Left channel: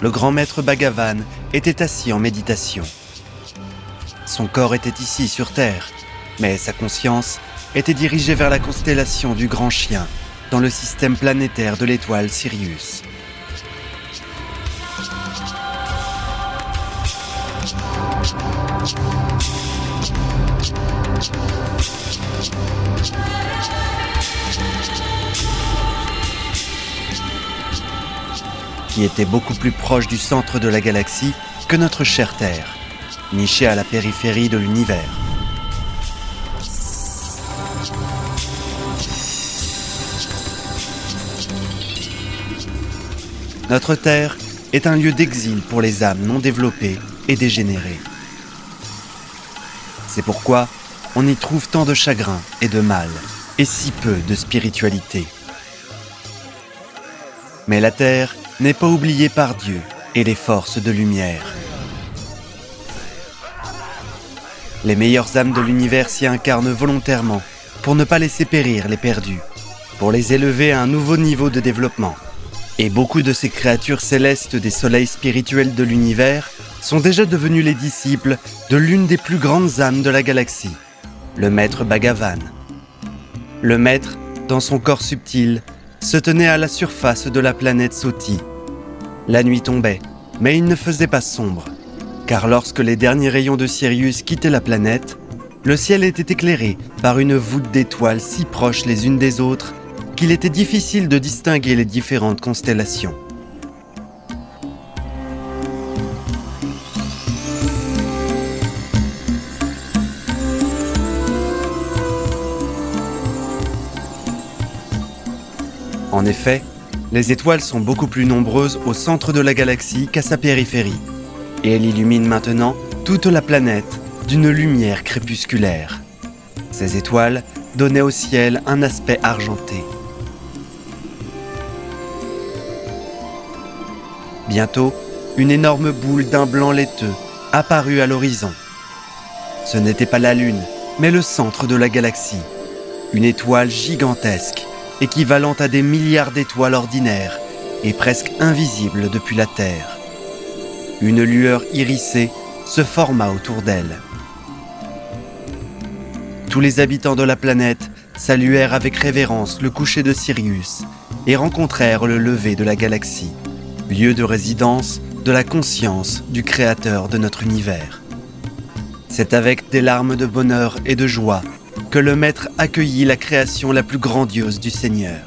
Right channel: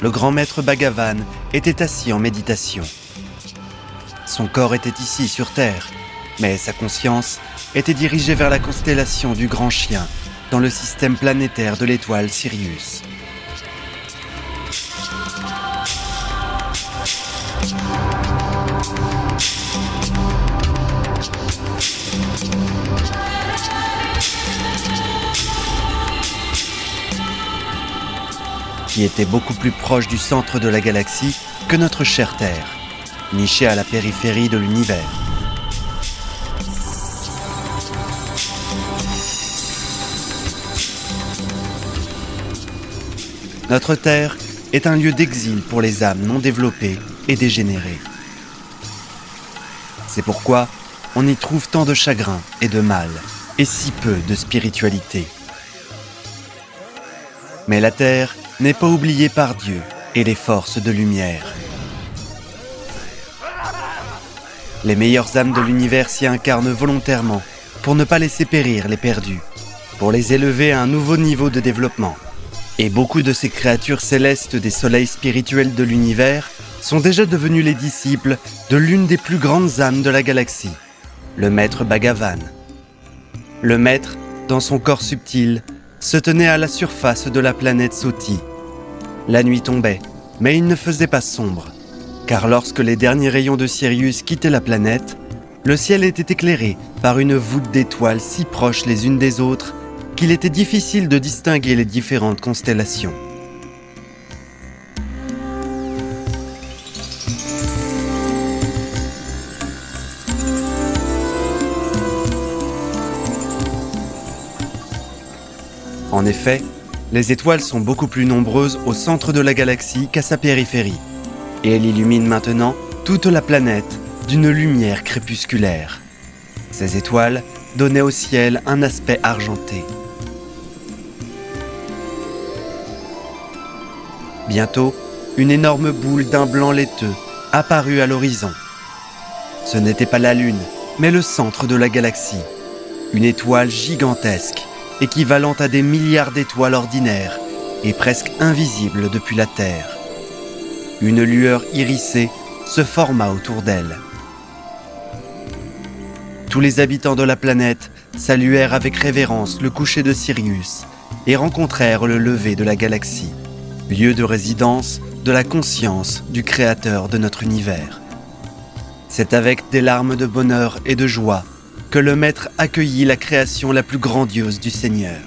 le grand maître Bhagavan était assis en méditation. Son corps était ici sur Terre, mais sa conscience était dirigée vers la constellation du Grand Chien, dans le système planétaire de l'étoile Sirius. Qui était beaucoup plus proche du centre de la galaxie que notre chère Terre, nichée à la périphérie de l'univers. Notre Terre est un lieu d'exil pour les âmes non développées et dégénérées. C'est pourquoi on y trouve tant de chagrin et de mal, et si peu de spiritualité. Mais la Terre n'est pas oubliée par Dieu et les forces de lumière. Les meilleures âmes de l'univers s'y incarnent volontairement pour ne pas laisser périr les perdus, pour les élever à un nouveau niveau de développement. Et beaucoup de ces créatures célestes des soleils spirituels de l'univers sont déjà devenus les disciples de l'une des plus grandes âmes de la galaxie, le maître Bhagavan. Le maître, dans son corps subtil, se tenait à la surface de la planète Soti. La nuit tombait, mais il ne faisait pas sombre, car lorsque les derniers rayons de Sirius quittaient la planète, le ciel était éclairé par une voûte d'étoiles si proches les unes des autres qu'il était difficile de distinguer les différentes constellations. En effet, les étoiles sont beaucoup plus nombreuses au centre de la galaxie qu'à sa périphérie, et elles illuminent maintenant toute la planète d'une lumière crépusculaire. Ces étoiles donnaient au ciel un aspect argenté. Bientôt, une énorme boule d'un blanc laiteux apparut à l'horizon. Ce n'était pas la Lune, mais le centre de la galaxie, une étoile gigantesque, équivalente à des milliards d'étoiles ordinaires et presque invisible depuis la Terre. Une lueur irisée se forma autour d'elle. Tous les habitants de la planète saluèrent avec révérence le coucher de Sirius et rencontrèrent le lever de la galaxie, lieu de résidence de la conscience du Créateur de notre univers. C'est avec des larmes de bonheur et de joie que le Maître accueillit la création la plus grandiose du Seigneur.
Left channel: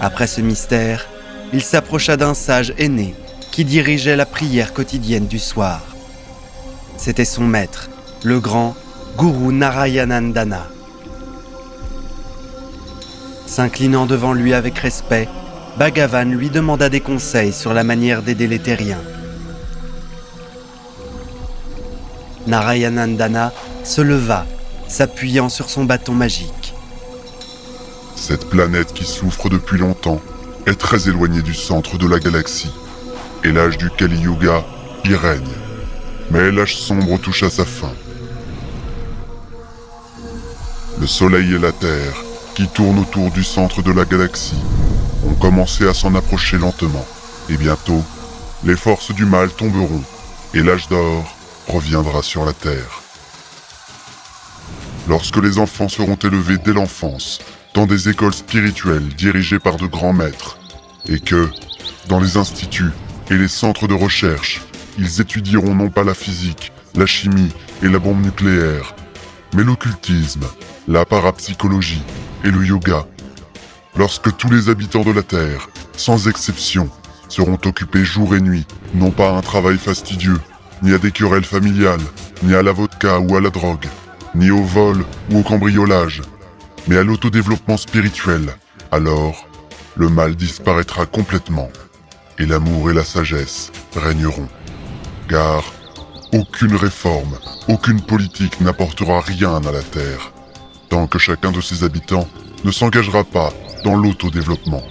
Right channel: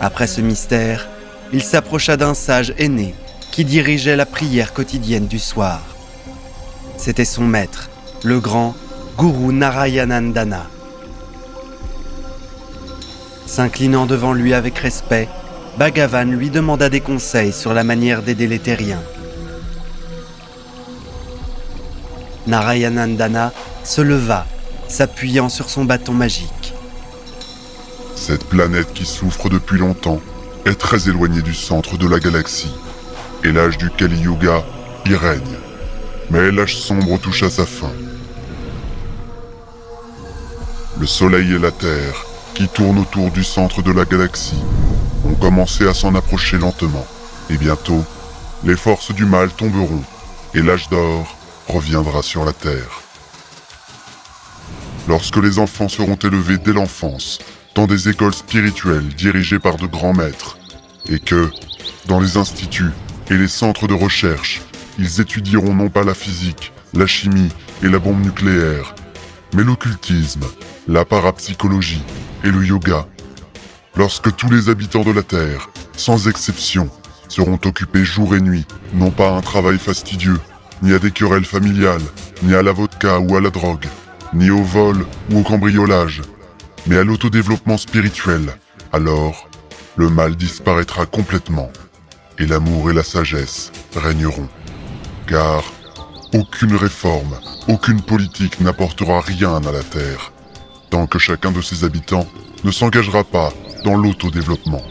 Après ce mystère, il s'approcha d'un sage aîné qui dirigeait la prière quotidienne du soir. C'était son maître, le grand Guru Narayanandana. S'inclinant devant lui avec respect, Bhagavan lui demanda des conseils sur la manière d'aider les terriens. Narayanandana se leva, s'appuyant sur son bâton magique. Cette planète qui souffre depuis longtemps est très éloignée du centre de la galaxie, et l'âge du Kali Yuga y règne. Mais l'âge sombre touche à sa fin. Le Soleil et la Terre, qui tournent autour du centre de la galaxie, ont commencé à s'en approcher lentement, et bientôt, les forces du mal tomberont, et l'âge d'or reviendra sur la Terre. Lorsque les enfants seront élevés dès l'enfance, dans des écoles spirituelles dirigées par de grands maîtres, et que, dans les instituts et les centres de recherche, ils étudieront non pas la physique, la chimie et la bombe nucléaire, mais l'occultisme, la parapsychologie et le yoga. Lorsque tous les habitants de la Terre, sans exception, seront occupés jour et nuit, non pas à un travail fastidieux, ni à des querelles familiales, ni à la vodka ou à la drogue, ni au vol ou au cambriolage, mais à l'autodéveloppement spirituel, alors le mal disparaîtra complètement et l'amour et la sagesse régneront. Car aucune réforme, aucune politique n'apportera rien à la Terre, tant que chacun de ses habitants ne s'engagera pas dans l'autodéveloppement,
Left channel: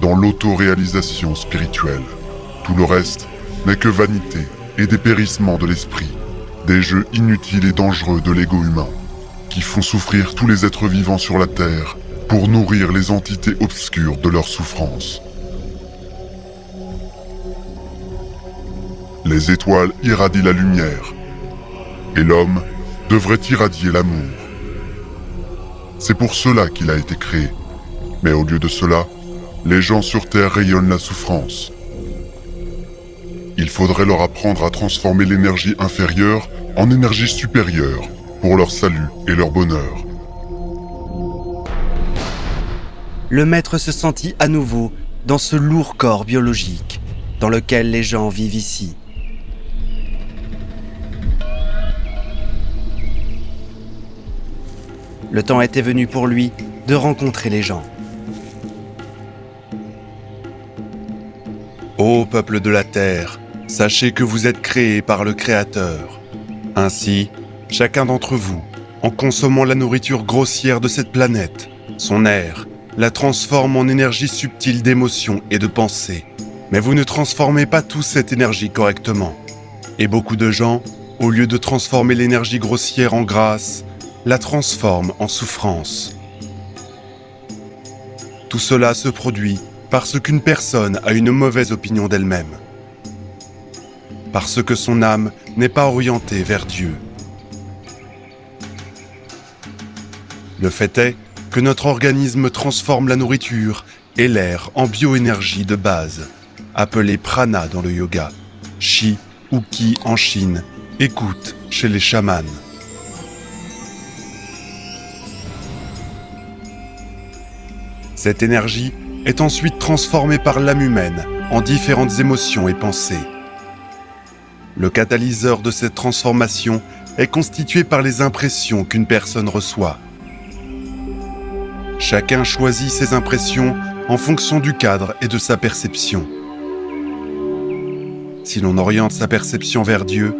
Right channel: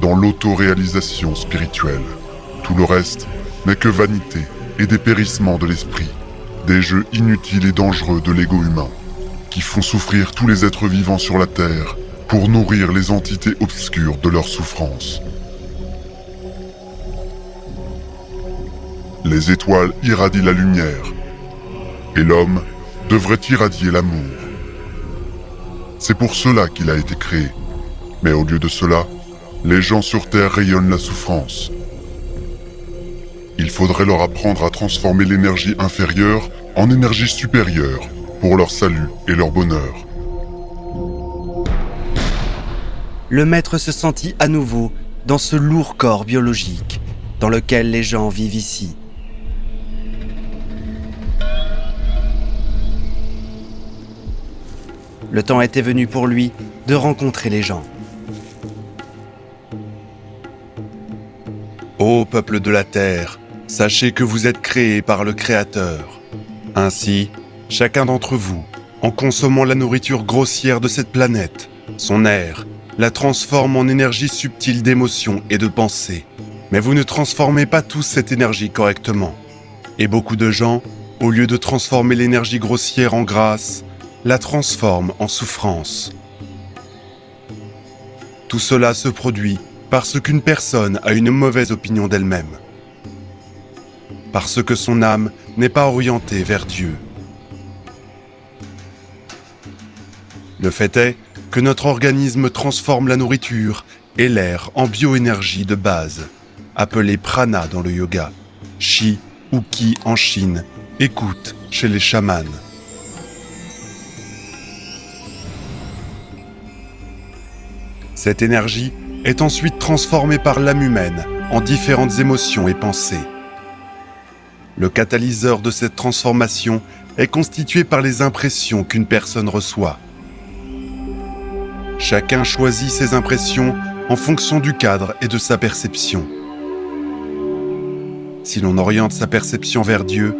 dans l'autoréalisation spirituelle. Tout le reste n'est que vanité et dépérissement de l'esprit, des jeux inutiles et dangereux de l'ego humain, qui font souffrir tous les êtres vivants sur la Terre pour nourrir les entités obscures de leur souffrance. Les étoiles irradient la lumière. Et l'homme devrait irradier l'amour. C'est pour cela qu'il a été créé. Mais au lieu de cela, les gens sur Terre rayonnent la souffrance. Il faudrait leur apprendre à transformer l'énergie inférieure en énergie supérieure pour leur salut et leur bonheur. Le maître se sentit à nouveau dans ce lourd corps biologique dans lequel les gens vivent ici. Le temps était venu pour lui de rencontrer les gens. Ô peuple de la Terre, sachez que vous êtes créés par le Créateur. Ainsi, chacun d'entre vous, en consommant la nourriture grossière de cette planète, son air, la transforme en énergie subtile d'émotion et de pensée. Mais vous ne transformez pas tous cette énergie correctement. Et beaucoup de gens, au lieu de transformer l'énergie grossière en grâce, la transforment en souffrance. Tout cela se produit parce qu'une personne a une mauvaise opinion d'elle-même. Parce que son âme n'est pas orientée vers Dieu. Le fait est que notre organisme transforme la nourriture et l'air en bioénergie de base, appelée prana dans le yoga, chi ou ki en Chine, écoute chez les chamans. Cette énergie est ensuite transformée par l'âme humaine en différentes émotions et pensées. Le catalyseur de cette transformation est constitué par les impressions qu'une personne reçoit. Chacun choisit ses impressions en fonction du cadre et de sa perception. Si l'on oriente sa perception vers Dieu,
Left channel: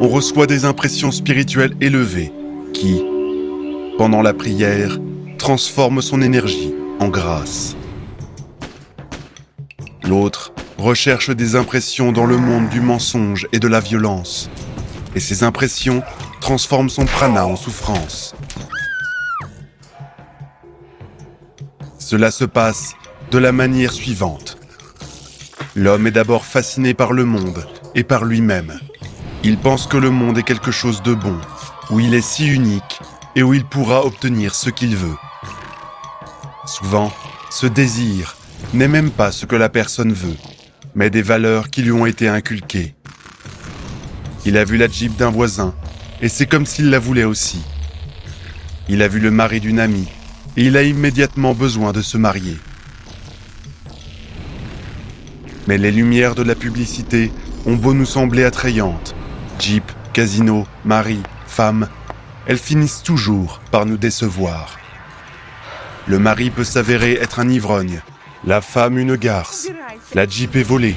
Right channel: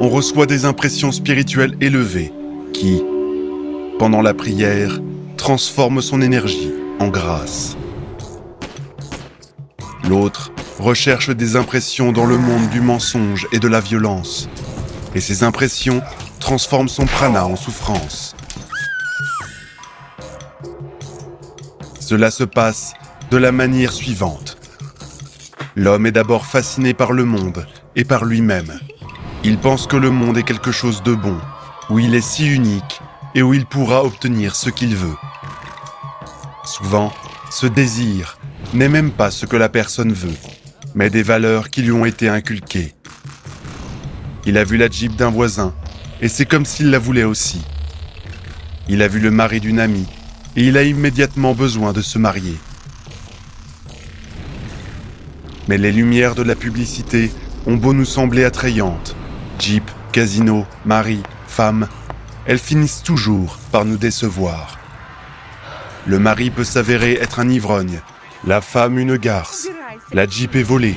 on reçoit des impressions spirituelles élevées qui, pendant la prière, transforment son énergie en grâce. L'autre recherche des impressions dans le monde du mensonge et de la violence. Et ces impressions transforment son prana en souffrance. Cela se passe de la manière suivante. L'homme est d'abord fasciné par le monde et par lui-même. Il pense que le monde est quelque chose de bon, où il est si unique et où il pourra obtenir ce qu'il veut. Souvent, ce désir n'est même pas ce que la personne veut, mais des valeurs qui lui ont été inculquées. Il a vu la Jeep d'un voisin, et c'est comme s'il la voulait aussi. Il a vu le mari d'une amie, et il a immédiatement besoin de se marier. Mais les lumières de la publicité ont beau nous sembler attrayantes. Jeep, casino, mari, femme, elles finissent toujours par nous décevoir. Le mari peut s'avérer être un ivrogne, la femme une garce, la Jeep est volée,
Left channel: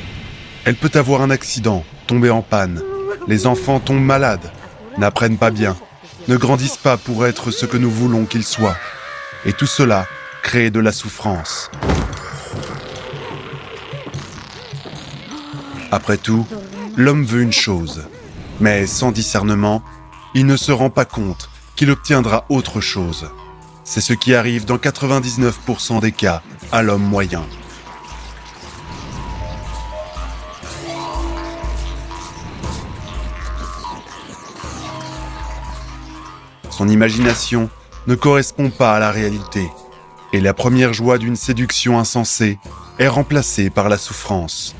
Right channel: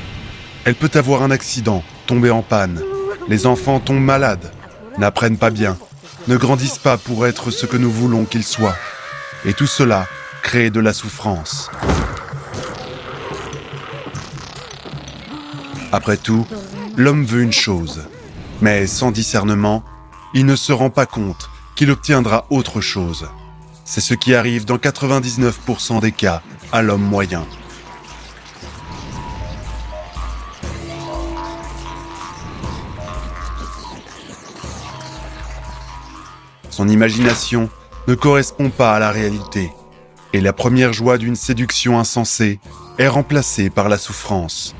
elle peut avoir un accident, tomber en panne, les enfants tombent malades, n'apprennent pas bien, ne grandissent pas pour être ce que nous voulons qu'ils soient. Et tout cela crée de la souffrance. Après tout, l'homme veut une chose, mais sans discernement, il ne se rend pas compte qu'il obtiendra autre chose. C'est ce qui arrive dans 99% des cas à l'homme moyen. Son imagination ne correspond pas à la réalité, et la première joie d'une séduction insensée est remplacée par la souffrance.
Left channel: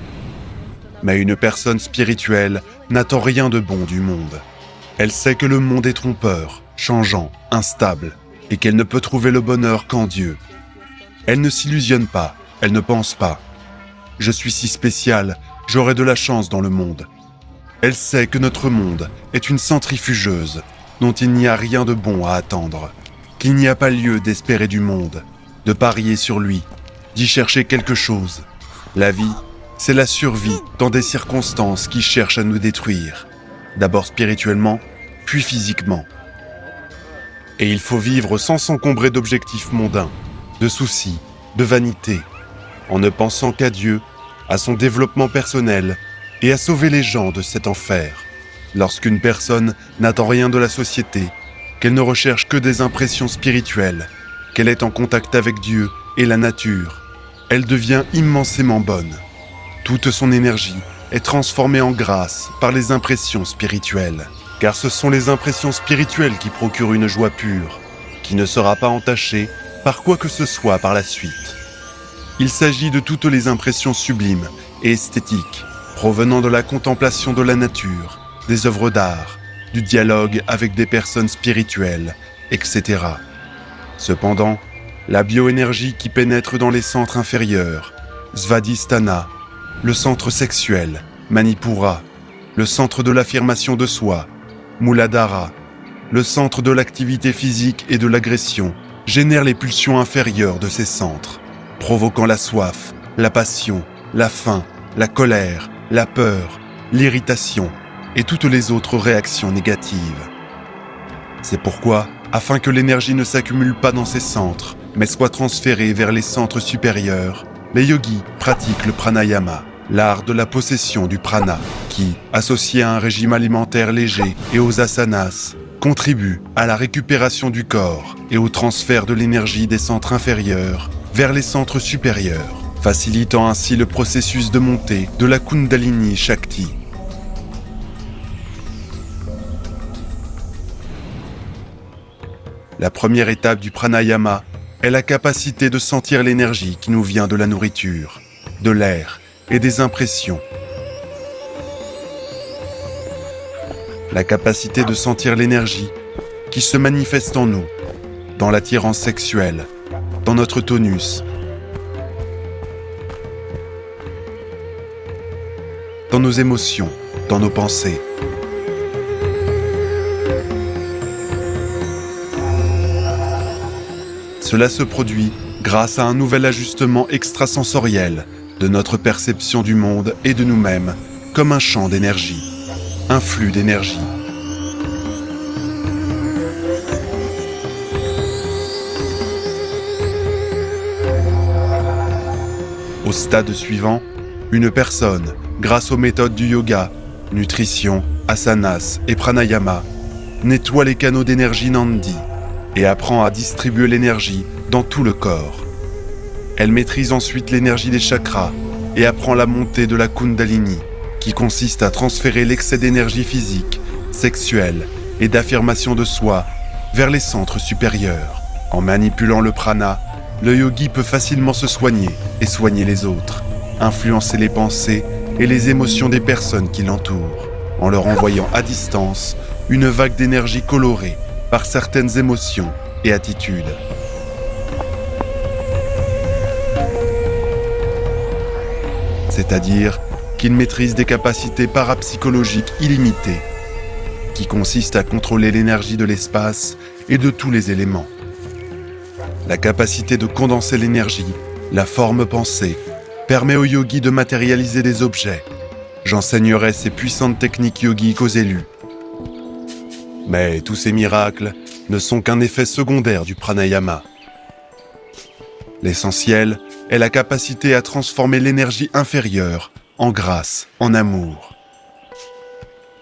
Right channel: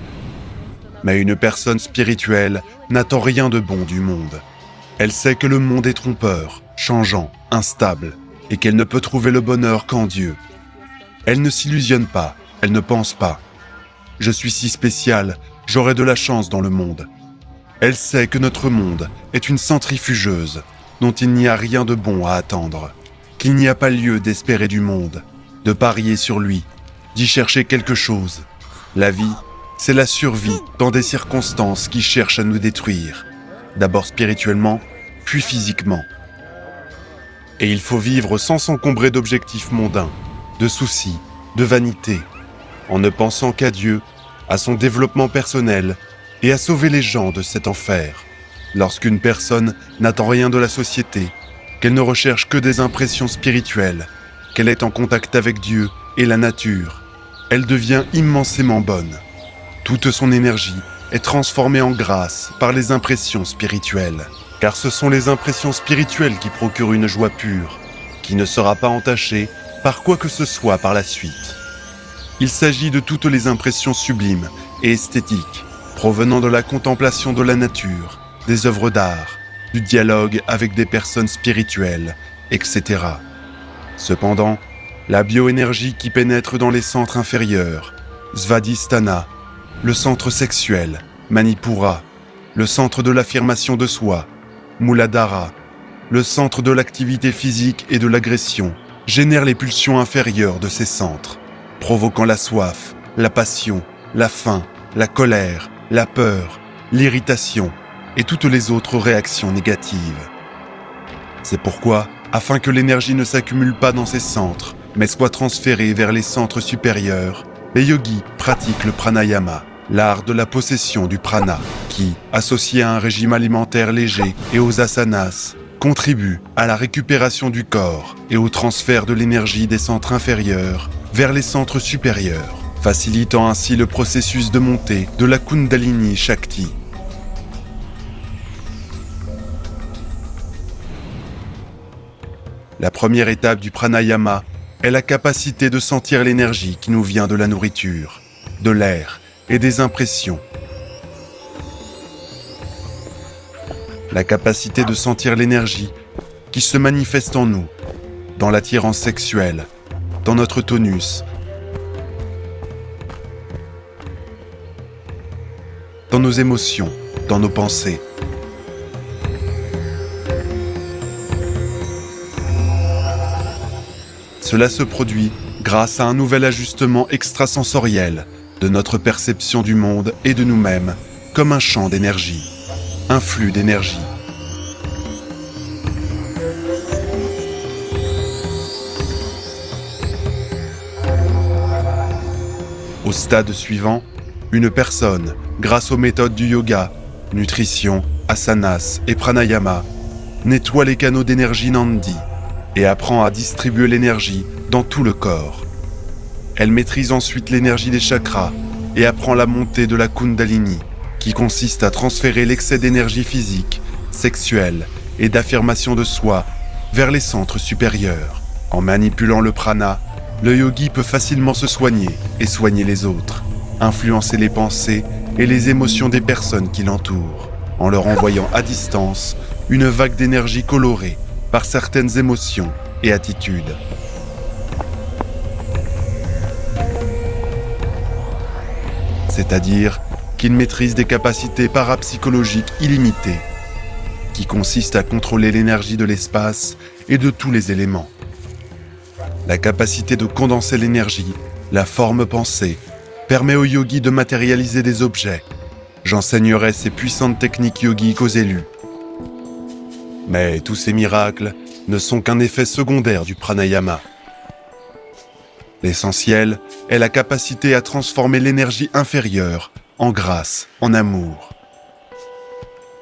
Mais une personne spirituelle n'attend rien de bon du monde. Elle sait que le monde est trompeur, changeant, instable, et qu'elle ne peut trouver le bonheur qu'en Dieu. Elle ne s'illusionne pas, elle ne pense pas. Je suis si spécial, j'aurai de la chance dans le monde. Elle sait que notre monde est une centrifugeuse, dont il n'y a rien de bon à attendre, qu'il n'y a pas lieu d'espérer du monde, de parier sur lui, d'y chercher quelque chose. La vie, c'est la survie dans des circonstances qui cherchent à nous détruire, d'abord spirituellement, puis physiquement. Et il faut vivre sans s'encombrer d'objectifs mondains, de soucis, de vanité, en ne pensant qu'à Dieu, à son développement personnel et à sauver les gens de cet enfer. Lorsqu'une personne n'attend rien de la société, qu'elle ne recherche que des impressions spirituelles, qu'elle est en contact avec Dieu et la nature, elle devient immensément bonne. Toute son énergie est transformée en grâce par les impressions spirituelles. Car ce sont les impressions spirituelles qui procurent une joie pure, qui ne sera pas entachée par quoi que ce soit par la suite. Il s'agit de toutes les impressions sublimes et esthétiques, provenant de la contemplation de la nature, des œuvres d'art, du dialogue avec des personnes spirituelles, etc. Cependant, la bioénergie qui pénètre dans les centres inférieurs, Svadhisthana, le centre sexuel, Manipura, le centre de l'affirmation de soi, Muladhara, le centre de l'activité physique et de l'agression, génère les pulsions inférieures de ces centres, provoquant la soif, la passion, la faim, la colère, la peur, l'irritation et toutes les autres réactions négatives. C'est pourquoi, afin que l'énergie ne s'accumule pas dans ces centres, mais soit transférée vers les centres supérieurs, les yogis pratiquent le pranayama, l'art de la possession du prana, qui, associé à un régime alimentaire léger et aux asanas, contribue à la récupération du corps et au transfert de l'énergie des centres inférieurs vers les centres supérieurs, facilitant ainsi le processus de montée de la Kundalini Shakti. La première étape du pranayama est la capacité de sentir l'énergie qui nous vient de la nourriture, de l'air et des impressions. La capacité de sentir l'énergie qui se manifeste en nous, dans l'attirance sexuelle, dans notre tonus, dans nos émotions, dans nos pensées. Cela se produit grâce à un nouvel ajustement extrasensoriel de notre perception du monde et de nous-mêmes, comme un champ d'énergie, un flux d'énergie. Au stade suivant, une personne, grâce aux méthodes du yoga, nutrition, asanas et pranayama, nettoie les canaux d'énergie Nandi et apprend à distribuer l'énergie dans tout le corps. Elle maîtrise ensuite l'énergie des chakras et apprend la montée de la Kundalini, qui consiste à transférer l'excès d'énergie physique, sexuelle et d'affirmation de soi vers les centres supérieurs. En manipulant le prana, le yogi peut facilement se soigner et soigner les autres, influencer les pensées et les émotions des personnes qui l'entourent, en leur envoyant à distance une vague d'énergie colorée par certaines émotions et attitudes. C'est-à-dire qu'il maîtrise des capacités parapsychologiques illimitées, qui consistent à contrôler l'énergie de l'espace et de tous les éléments. La capacité de condenser l'énergie, la forme pensée, permet aux yogis de matérialiser des objets. J'enseignerai ces puissantes techniques yogiques aux élus. Mais tous ces miracles ne sont qu'un effet secondaire du pranayama. L'essentiel est la capacité à transformer l'énergie inférieure en grâce, en amour.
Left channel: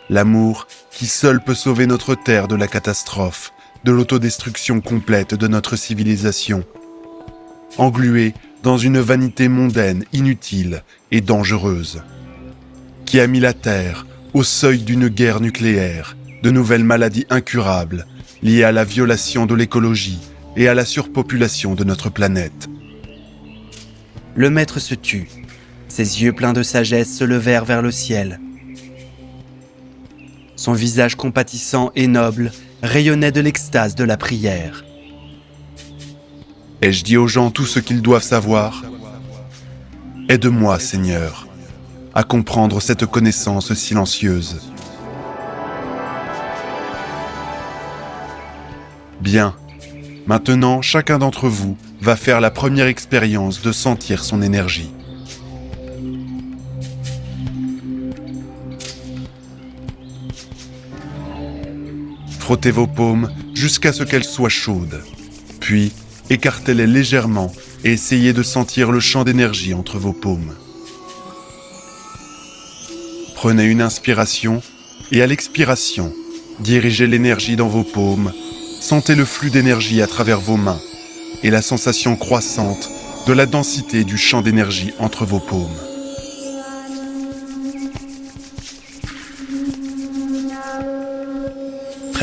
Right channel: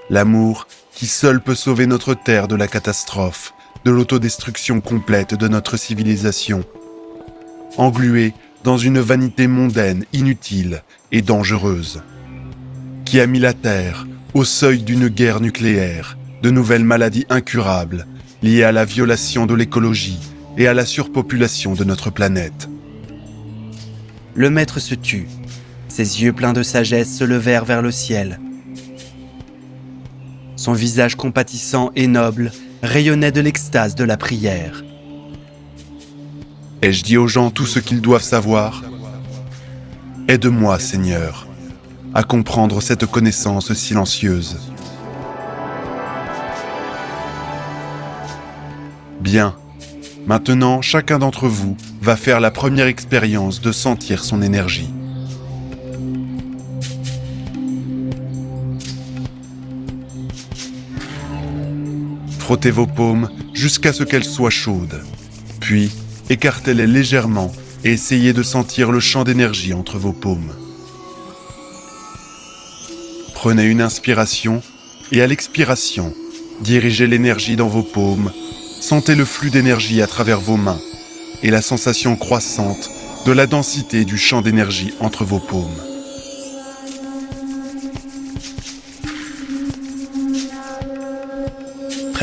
L'amour qui seul peut sauver notre terre de la catastrophe, de l'autodestruction complète de notre civilisation. Engluée dans une vanité mondaine inutile et dangereuse, qui a mis la Terre au seuil d'une guerre nucléaire, de nouvelles maladies incurables, liées à la violation de l'écologie et à la surpopulation de notre planète. Le maître se tut. Ses yeux pleins de sagesse se levèrent vers le ciel. Son visage compatissant et noble rayonnait de l'extase de la prière. Ai-je dit aux gens tout ce qu'ils doivent savoir ? Aide-moi, Seigneur, à comprendre cette connaissance silencieuse. Bien. Maintenant, chacun d'entre vous va faire la première expérience de sentir son énergie. Frottez vos paumes jusqu'à ce qu'elles soient chaudes. Puis, écartez-les légèrement et essayez de sentir le champ d'énergie entre vos paumes. Prenez une inspiration et à l'expiration, dirigez l'énergie dans vos paumes. Sentez le flux d'énergie à travers vos mains et la sensation croissante de la densité du champ d'énergie entre vos paumes.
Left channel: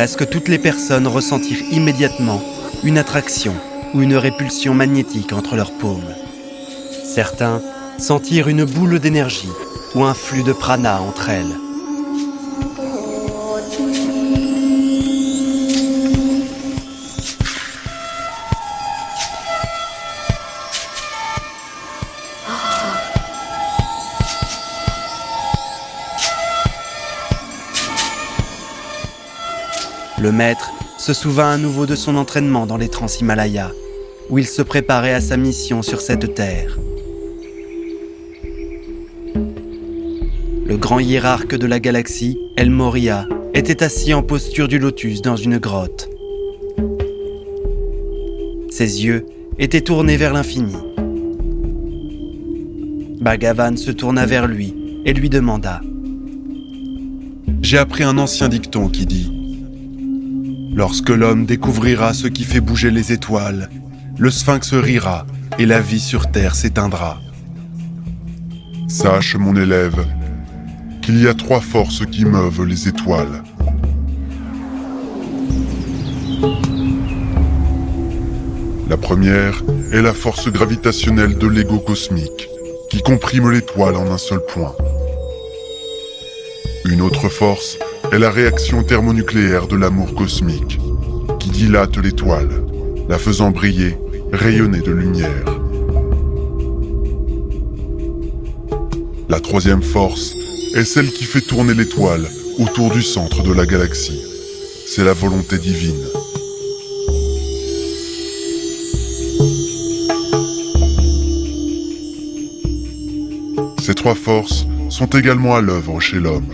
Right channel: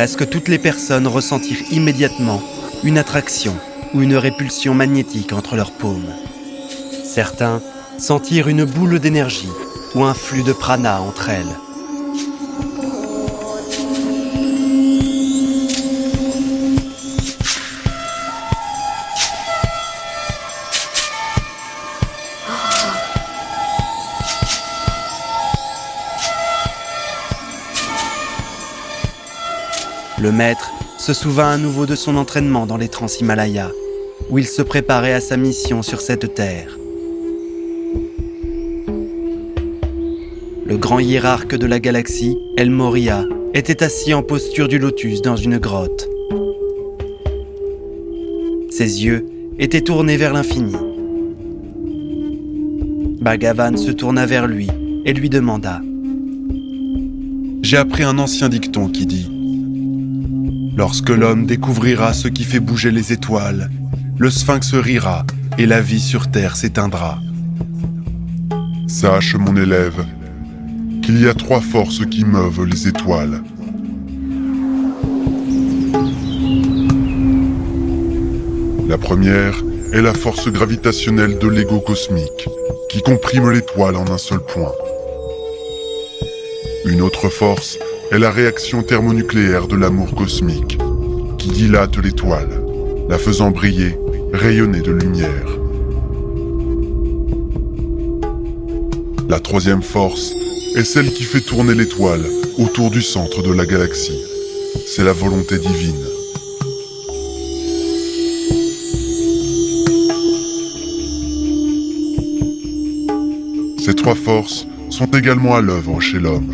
Presque toutes les personnes ressentirent immédiatement une attraction ou une répulsion magnétique entre leurs paumes. Certains sentirent une boule d'énergie ou un flux de prana entre elles. Le maître se souvint à nouveau de son entraînement dans les Trans-Himalayas, où il se préparait à sa mission sur cette terre. Le grand hiérarque de la galaxie, El Morya, était assis en posture du lotus dans une grotte. Ses yeux étaient tournés vers l'infini. Bhagavan se tourna vers lui et lui demanda : « J'ai appris un ancien dicton qui dit : lorsque l'homme découvrira ce qui fait bouger les étoiles, le sphinx rira et la vie sur terre s'éteindra. Sache, mon élève, qu'il y a 3 forces qui meuvent les étoiles. La première est la force gravitationnelle de l'ego cosmique, qui comprime l'étoile en un seul point. Une autre force est la réaction thermonucléaire de l'amour cosmique, qui dilate l'étoile, la faisant briller, rayonner de lumière. La troisième force est celle qui fait tourner l'étoile autour du centre de la galaxie. C'est la volonté divine. Ces 3 forces sont également à l'œuvre chez l'homme.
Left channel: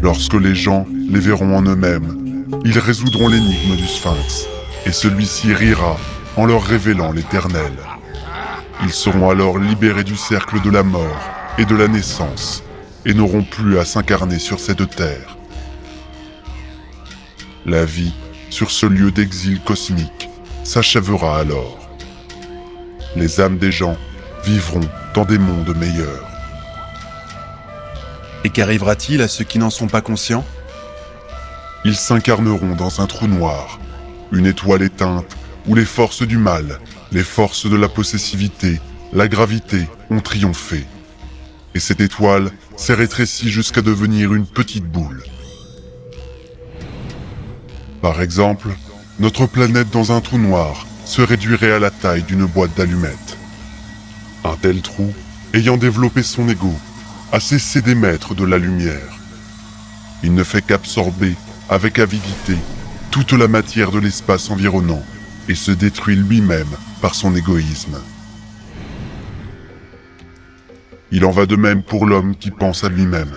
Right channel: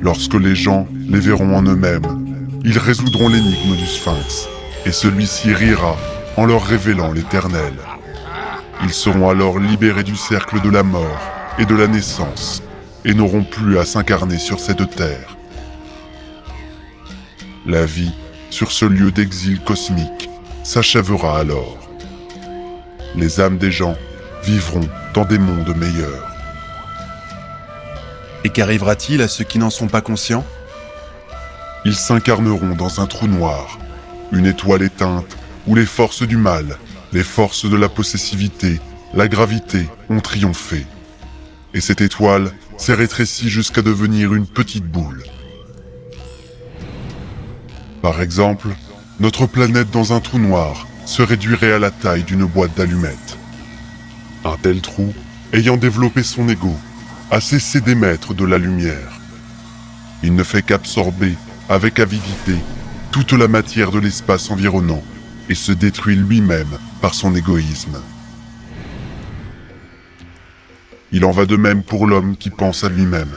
Lorsque les gens les verront en eux-mêmes, ils résoudront l'énigme du sphinx, et celui-ci rira en leur révélant l'éternel. Ils seront alors libérés du cercle de la mort et de la naissance, et n'auront plus à s'incarner sur cette terre. La vie, sur ce lieu d'exil cosmique, s'achèvera alors. Les âmes des gens vivront dans des mondes meilleurs. Et qu'arrivera-t-il à ceux qui n'en sont pas conscients ? Ils s'incarneront dans un trou noir, une étoile éteinte où les forces du mal, les forces de la possessivité, la gravité ont triomphé. Et cette étoile s'est rétrécie jusqu'à devenir une petite boule. Par exemple, notre planète dans un trou noir se réduirait à la taille d'une boîte d'allumettes. Un tel trou, ayant développé son ego, a cessé d'émettre de la lumière. Il ne fait qu'absorber, avec avidité, toute la matière de l'espace environnant et se détruit lui-même par son égoïsme. Il en va de même pour l'homme qui pense à lui-même.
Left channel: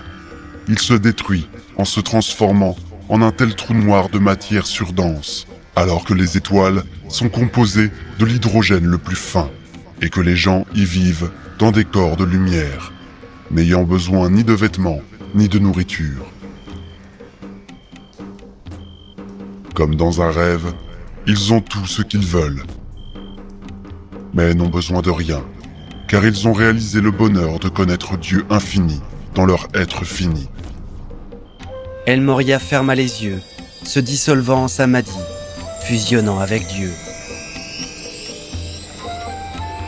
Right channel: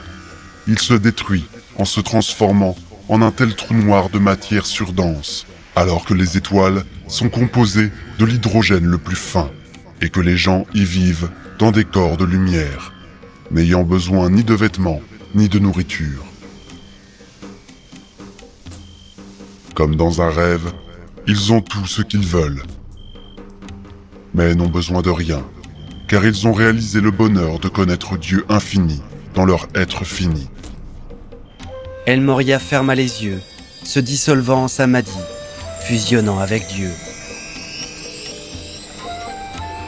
Il se détruit en se transformant en un tel trou noir de matière surdense, alors que les étoiles sont composées de l'hydrogène le plus fin et que les gens y vivent dans des corps de lumière, n'ayant besoin ni de vêtements, ni de nourriture. Comme dans un rêve, ils ont tout ce qu'ils veulent, mais n'ont besoin de rien, car ils ont réalisé le bonheur de connaître Dieu infini dans leur être fini. El Morya ferma les yeux, se dissolvant en samadhi, fusionnant avec Dieu.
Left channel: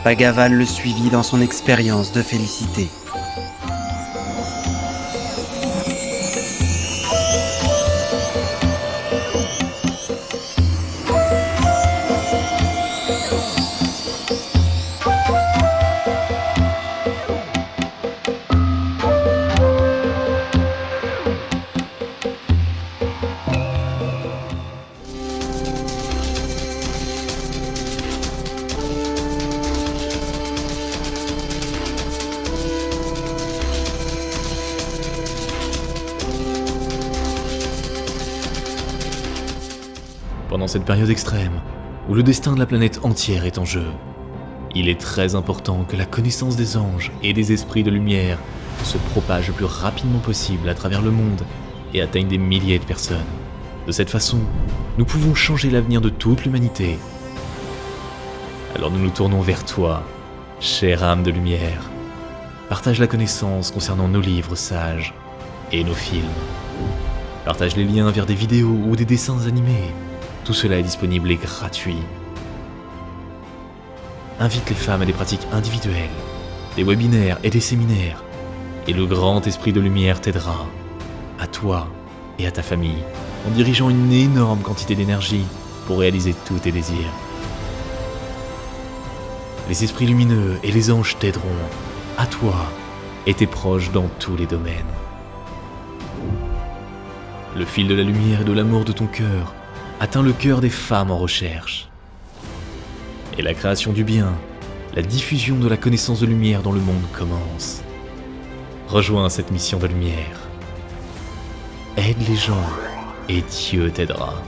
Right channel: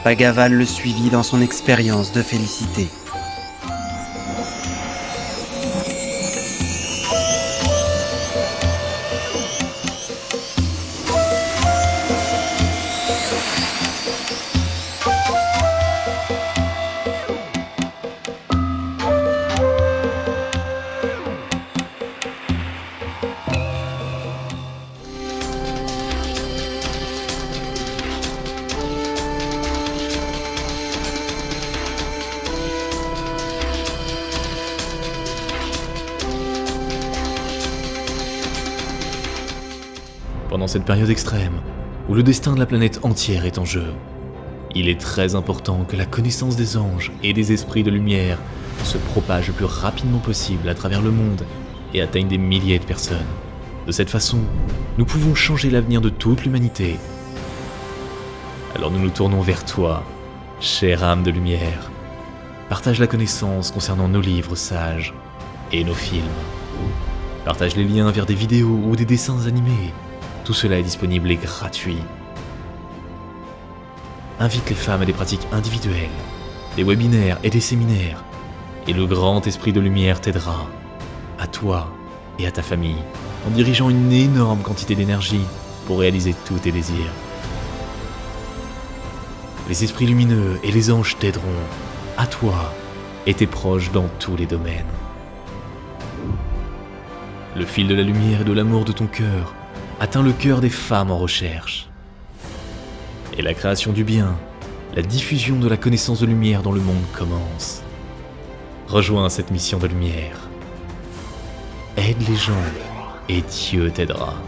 Bhagavan le suivit dans son expérience de félicité. Pendant cette période extrême, où le destin de la planète entière est en jeu, il est très important que la connaissance des anges et des esprits de lumière se propage le plus rapidement possible à travers le monde et atteigne des milliers de personnes. De cette façon, nous pouvons changer l'avenir de toute l'humanité. Alors nous nous tournons vers toi, chère âme de lumière. Partage la connaissance concernant nos livres sages et nos films. Partage les liens vers des vidéos ou des dessins animés. Tout cela est disponible et gratuit. Invite les femmes à des pratiques individuelles, des webinaires et des séminaires. Et le grand esprit de lumière t'aidera, à toi et à ta famille, en dirigeant une énorme quantité d'énergie pour réaliser tous tes désirs. Les esprits lumineux et les anges t'aideront, à toi et tes proches dans tous les domaines. Le fil de la lumière et de l'amour de ton cœur atteint le cœur des femmes en recherche. Et la création du bien, la diffusion de la connaissance de lumière dans le monde commence. Rejoins cette mission de lumière. Aide les gens et Dieu t'aidera.